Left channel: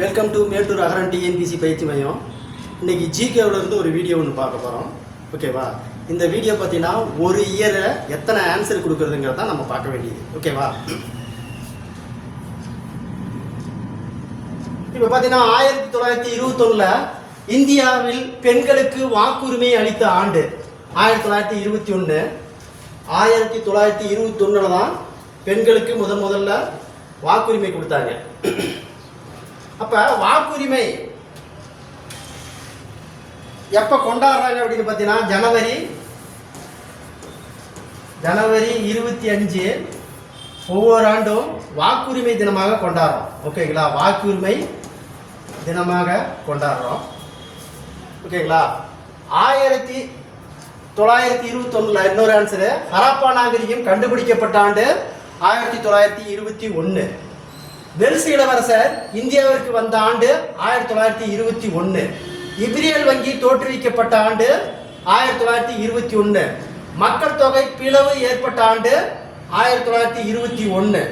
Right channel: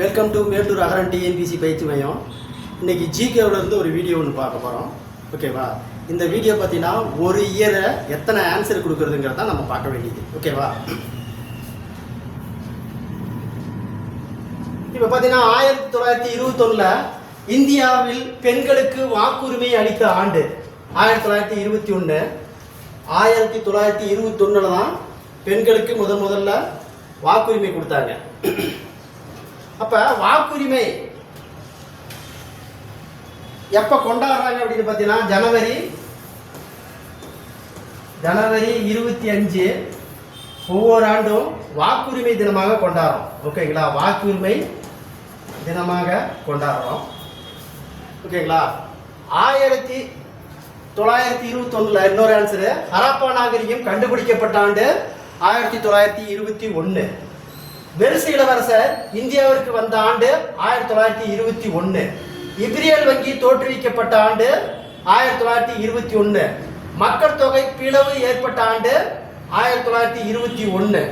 Welcome to Mettur Agaran TNPSC பயிற்சி மையம். இன்னைக்கு ஜிகேவில் இருந்து ஒரு வீடியோ ஒன்று பார்க்க போகிறோம் ஓகேவா இந்த வீடியோ பார்த்தீங்கன்னா ஒரு இயரை எத்தனை ஆன்சர் கொடுக்குறதுங்கிறத நம்ம பார்க்க வேண்டியது. ஓகேவா இப்போ பார்த்தீங்கன்னா ஆயிரத்தி தொள்ளாயிரத்தி இருபத்தொன்னில் இந்தியாவில் பெண்களுக்கு வாக்குரிமை அளித்த ஆண்டு ஆயிரத்தி தொள்ளாயிரத்தி இருபத்தி ஒன்று ஆயிரத்தி தொள்ளாயிரத்தி இருபத்தொன்னில் தான் பெண்களுக்கு முதன் முதல்ல வாக்குரிமை கொடுத்தாங்க. அப்ப வாக்குரிமை எப்ப கொண்டாடுறாங்க அப்படின்னு பார்த்தீங்கன்னா ஜனவரி ஜனவரி இருபத்தி அஞ்சு ஒவ்வொரு ஆண்டும் வாக்குரிமை தினமாக கொண்டாடுறோம். ஓகேங்களா வாக்குரிமை தினமாக கொண்டாடுறோம். ஓகேங்களா ஆயிரத்தி தொள்ளாயிரத்தி இருபத்தொன்னுல இன்னொரு ஆன்சரு ஹரப்பா நாகரிகம் கண்டுபிடிக்கப்பட்ட ஆண்டு ஆயிரத்தி தொள்ளாயிரத்தி இருபத்தி ஒன்று பெருசு இளவரசர் இந்தியாவிற்கு வந்த ஆண்டு ஆயிரத்தி தொள்ளாயிரத்தி இருபத்தி ஒன்று இப்ரியல் வங்கி தோற்றுவிக்கப்பட்ட ஆண்டு ஆயிரத்தி தொள்ளாயிரத்தி இருபத்தி ஒன்று மக்கள் தொகை பிளவு ஏற்பட்ட ஆண்டு ஆயிரத்தி தொள்ளாயிரத்தி இருபத்தி ஒன்று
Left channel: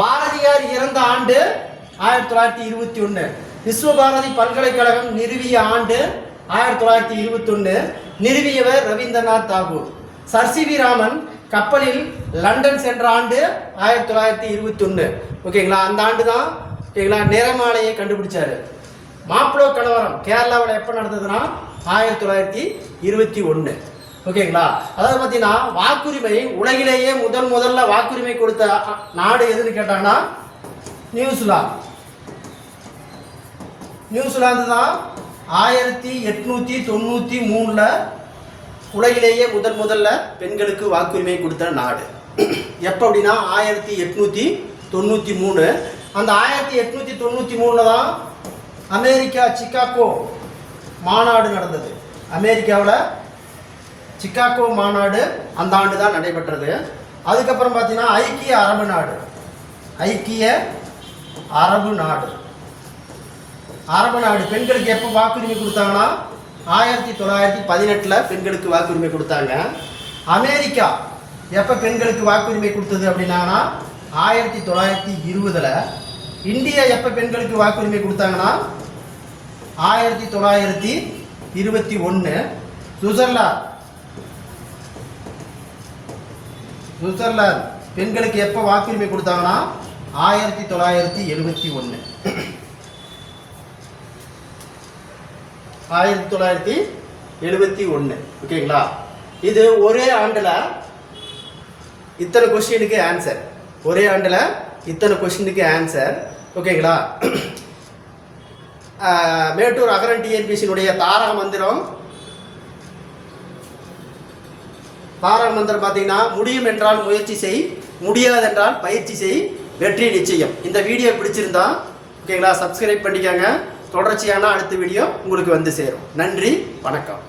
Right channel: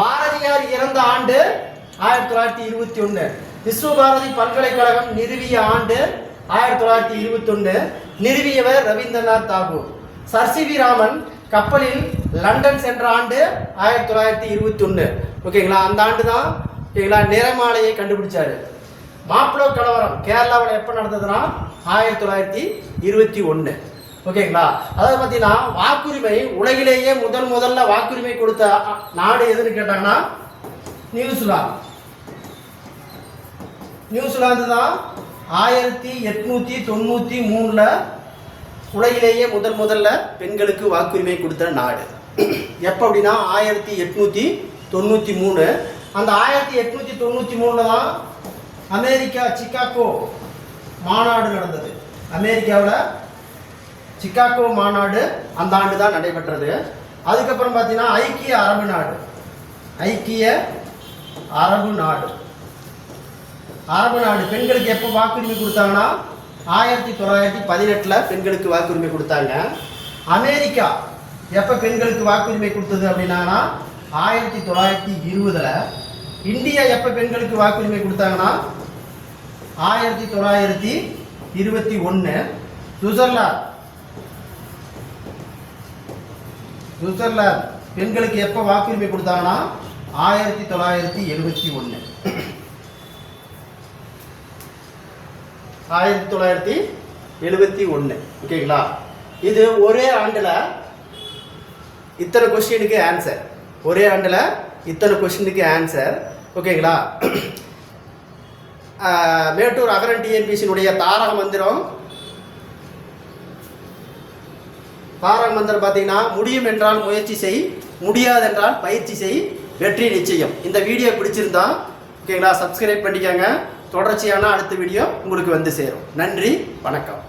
பாரதியார் இறந்த ஆண்டு ஆயிரத்தி தொள்ளாயிரத்தி இருபத்தி ஒன்று விஸ்வபாரதி பல்கலைக்கழகம் நிறுவிய ஆண்டு ஆயிரத்தி தொள்ளாயிரத்தி இருபத்தி ஒன்று நிறுவியவர் Rabindranath Tagore. Sir C V Raman கப்பலில் லண்டன் சென்ற ஆண்டு ஆயிரத்தி தொள்ளாயிரத்தி இருபத்தி ஒன்று ஓகேங்களா? அந்த ஆண்டு தான் ஓகேங்களா நிறமாலையை கண்டுபிடிச்சாரு. மாப்பிளோ கலவரம் கேரளாவில் எப்போ நடந்ததுன்னா ஆயிரத்தி தொள்ளாயிரத்தி இருபத்தி ஒன்று ஓகேங்களா? அதாவது பார்த்தீங்கன்னா வாக்குரிமை உலகிலேயே முதல் முதல்ல வாக்குரிமை கொடுத்த நாடு எதுன்னு கேட்டாங்கன்னா நியூசிலாந்து. நியூசிலாந்து தான் ஆயிரத்தி எட்நூற்றி தொண்ணூற்றி மூணில் உலகிலேயே முதல் முதல்ல பெண்களுக்கு வாக்குரிமை கொடுத்த நாடு. எப்போ அப்படின்னா ஆயிரத்தி எட்நூற்றி தொண்ணூற்றி மூணு. அந்த ஆயிரத்தி எட்நூற்றி தொண்ணூற்றி மூணில் தான் அமெரிக்கா சிக்காகோ மாநாடு நடந்தது. அமெரிக்காவில் சிக்காகோ மாநாடு அந்த ஆண்டு தான் நடைபெற்றது. அதுக்கப்புறம் பார்த்தீங்கன்னா ஐக்கிய அரபு நாடு. ஐக்கிய அரபு நாடு. அரபு நாடு. பெண்களுக்கு எப்போ வாக்குரிமை கொடுத்தாங்கன்னா ஆயிரத்தி தொள்ளாயிரத்தி பதினெட்டில் பெண்களுக்கு வாக்குரிமை கொடுத்தாங்க. அமெரிக்கா எப்போ பெண்களுக்கு வாக்குரிமை கொடுத்தது அப்படின்னா ஆயிரத்தி தொள்ளாயிரத்தி இருபதில் இந்தியா எப்போ பெண்களுக்கு வாக்குரிமை கொடுத்தாங்கன்னா ஆயிரத்தி தொள்ளாயிரத்தி இருபத்தி ஒன்று சுவிட்சர்லாந்து. சுவிட்சர்லாந்து பெண்களுக்கு எப்போ வாக்குரிமை கொடுத்தாங்கன்னா ஆயிரத்தி தொள்ளாயிரத்தி எழுபத்தி ஒன்று ஆயிரத்தி தொள்ளாயிரத்தி எழுபத்தி ஒன்று ஓகேங்களா? இது ஒரே ஆண்டில் இத்தனை கொஸ்டினுக்கு ஆன்சர் ஒரே ஆண்டில் இத்தனை கொஸ்டினுக்கு ஆன்சர் ஓகேங்களா? மேட்டூர் அகரன் டிஎன்பிசியினுடைய தாரக மந்திரம். தாரக மந்திரம் பார்த்தீங்கன்னா முடியும் என்றால் முயற்சி செய் முடியாது என்றால் பயிற்சி செய் வெற்றி நிச்சயம். இந்த வீடியோ பிடிச்சிருந்தா ஓகேங்களா? சப்ஸ்கிரைப் பண்ணிக்கோங்க. தொடர்ச்சியான அடுத்த வீடியோ உங்களுக்கு வந்து சேரும். நன்றி வணக்கம்.